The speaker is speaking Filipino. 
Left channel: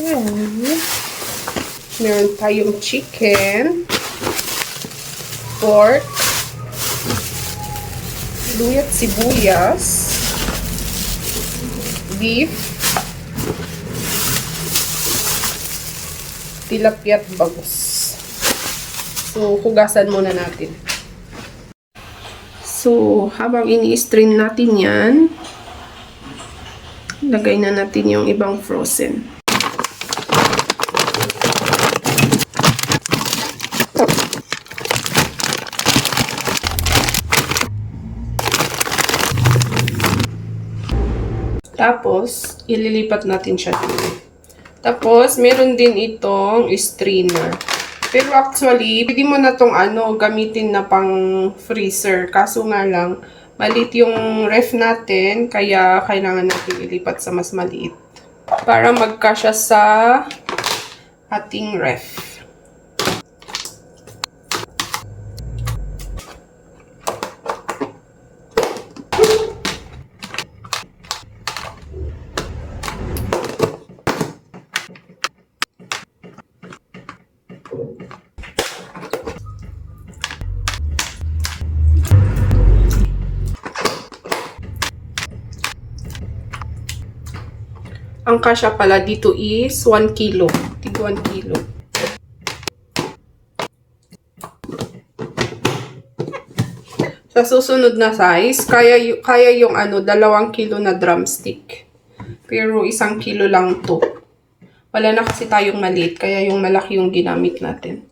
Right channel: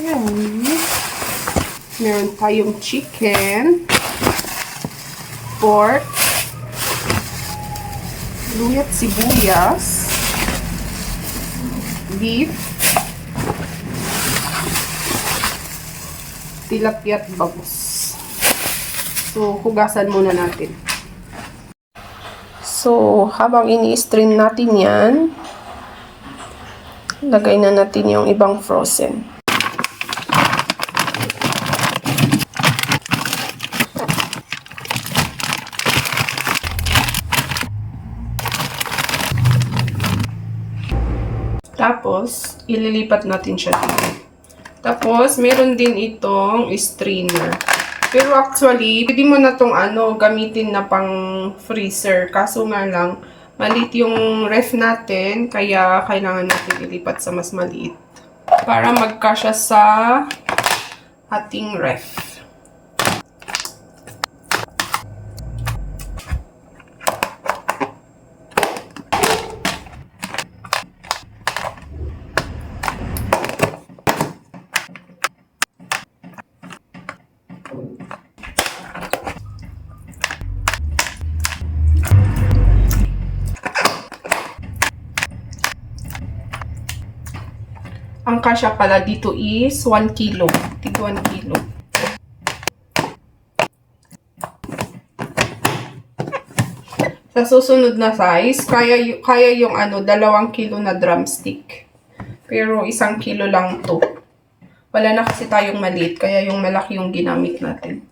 Ayan. Meron tayong chicken, pork, luyat sibuyas, beef, tilapia at bangus. So, hugasan muna natin. So, habang ini-strain natin yan, lagay na natin yung ibang frozen. Tapos, ililipat natin siya dito. Tapos, meron din itong strainer. Pero actually, pwede mo na itong gamitin na pang freezer. Kaso nga lang, maliit yung ref natin, kaya kailangan natin ilipat sa mas maliit. Para magkasya sa ating ref. Ang kasya pala dito is 1 kilo. Tig 1 kilo. Sa susunod na size, kaya yung 2 kilo na drumstick. Pero 1 kilo lang to. Wala na kasi tayong maliit, kaya yung malaki yung ginamit natin.